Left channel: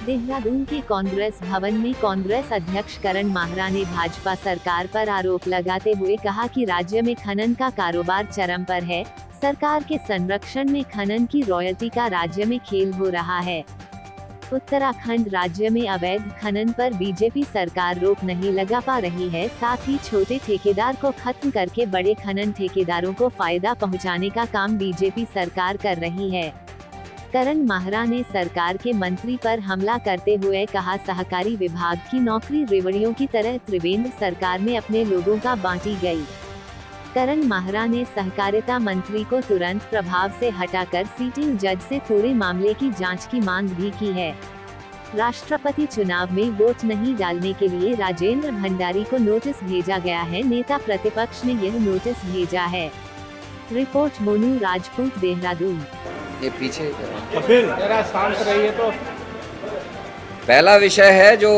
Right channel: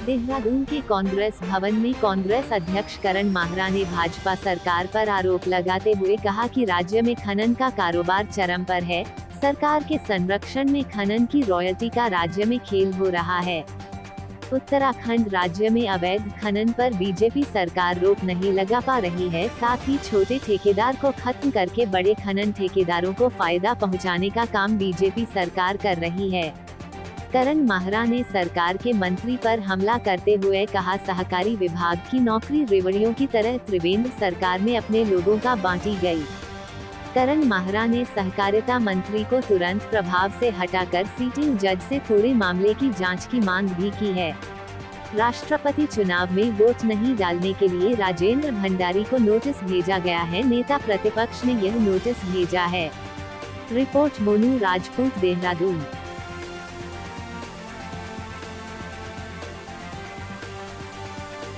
देहरादून के कांग्रेस भवन में कांग्रेस अध्यक्ष करण माहरा ने भाजपा सरकार पर आरोप लगाते हुए कहा कि राज्य में खनन का कारोबार चरम पर है। सरकार के संरक्षण में खनन की रॉयल्टी का राज्य में खेल हो रहा है। उत्तराखंड राज्य में अवैध खनन पर बीजेपी सरकार रोक नहीं लगा पा रही है। साथ ही छोटे ठेकेदार को खत्म करके बड़े खनन ठेकेदारों को फायदा पहुंचाने का काम बीजेपी सरकार कर रही है। करण माहरा ने सरकार के मंत्री पर हमला करते हुए कहा, सहकारी विभाग की नौकरी रेवड़ियों की तरह त्रिवेंद्र सरकार में अपने लोगों का बांटी गई। करण माहरा ने सहकारिता मंत्री को तुरंत प्रभाव से हटाकर सिटिंग जज से पूरे मामले की जांच की मांग भी की है। राष्ट्रपति चुनाव में वोट नहीं डालने के लिए राजेंद्र भंडारी को नोटिस भेजा गया है। नेता प्रतिपक्ष ने यह नोटिस भेजा है। रिपोर्ट मोनू राजपूत, देहरादून। ये पीछे शांत रहिए। तो पहला विषय है जो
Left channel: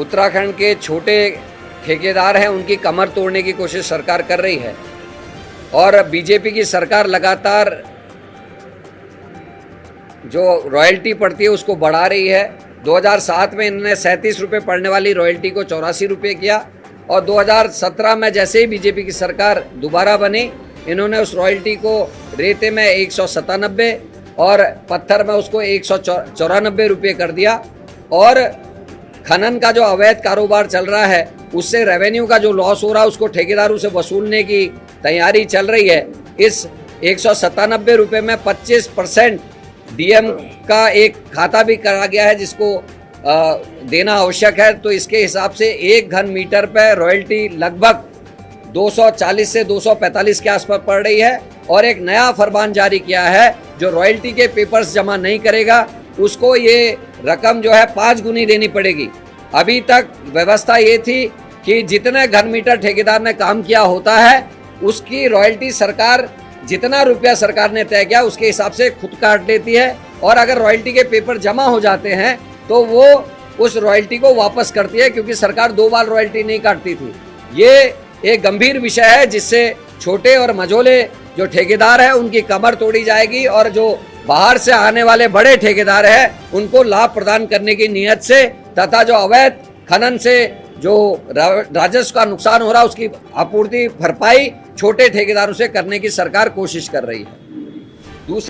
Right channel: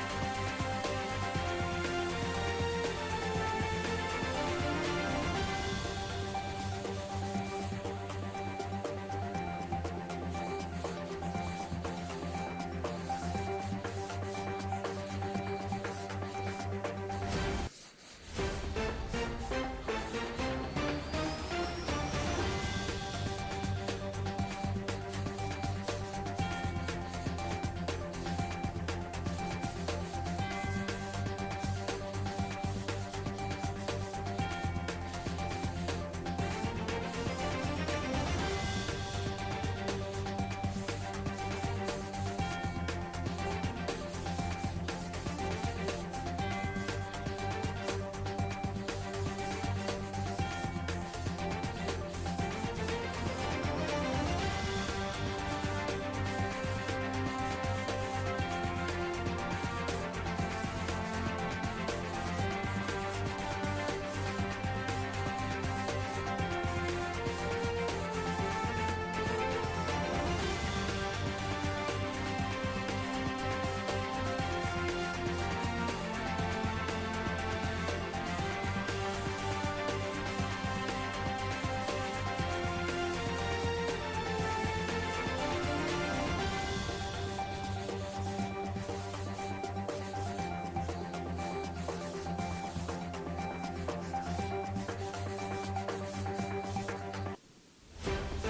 उत्तराखंड के छोटे ठेकेदार हैं, उनकी कमर तोड़ने की कोशिश सरकार कर रही है और बीजेपी की सरकार लगातार जो रॉयल्टी पड़ती है उसको बढ़ा रही है। 2007 में इन्होंने 37 रुपये पड़ने वाली रॉयल्टी को 84 रुपये किया और 2017 में जैसे ही बीजेपी की सरकार दोबारा बनी, इन्होंने उस रॉयल्टी को रेते में 197 और पत्थर में उसको 194 रुपये कर दिया। और खनन का जो अवैध कारोबार चल रहा है उससे रेवेन्यू का जो लॉस हो रहा है उसको ठेकेदारों से वसूलने की तैयारी चल रही है। इस 197 रुपये में 25% डीएम का एक खाता भी करा गया है जिसको देना आवश्यक है। तो इसके हिसाब से 1 घन मीटर पर रॉयल्टी लगभग 240 से 245 के आसपास पड़ रही है। और एक नया फरमान जारी किया है, जो रॉयल्टी के पेपर्स जमा नहीं करेगा उसको ये रकम जो है 5 गुनी देनी पड़ेगी। अभी तक व्यवस्था ये थी कि जितने घन मीटर ठेकेदार ने काम किया होता है उसकी रॉयल्टी सरकार, जितना रुपया सरकार ने तय किया उसके हिसाब से खुद काट लेती है। और अगर रॉयल्टी के पेपर जमा हो जाते हैं तो वो उस रॉयल्टी को वापस करती है, क्योंकि सरकार 2 बार रॉयल्टी नहीं काटती थी। ये एक गंभीर विषय है जिससे छोटे और मझोले जो ठेकेदार हैं उनकी कमर तोड़ी जाएगी और जो बाहर से आने वाले बड़े ठेकेदार हैं उनको लाभ प्रदान करने की नीयत से तथा जो अवैध खनन से जो राजस्व का नुकसान हो रहा है उसकी आपूर्ति भरपाई छोटे ठेकेदारों से करने की सरकार कोशिश कर रही है।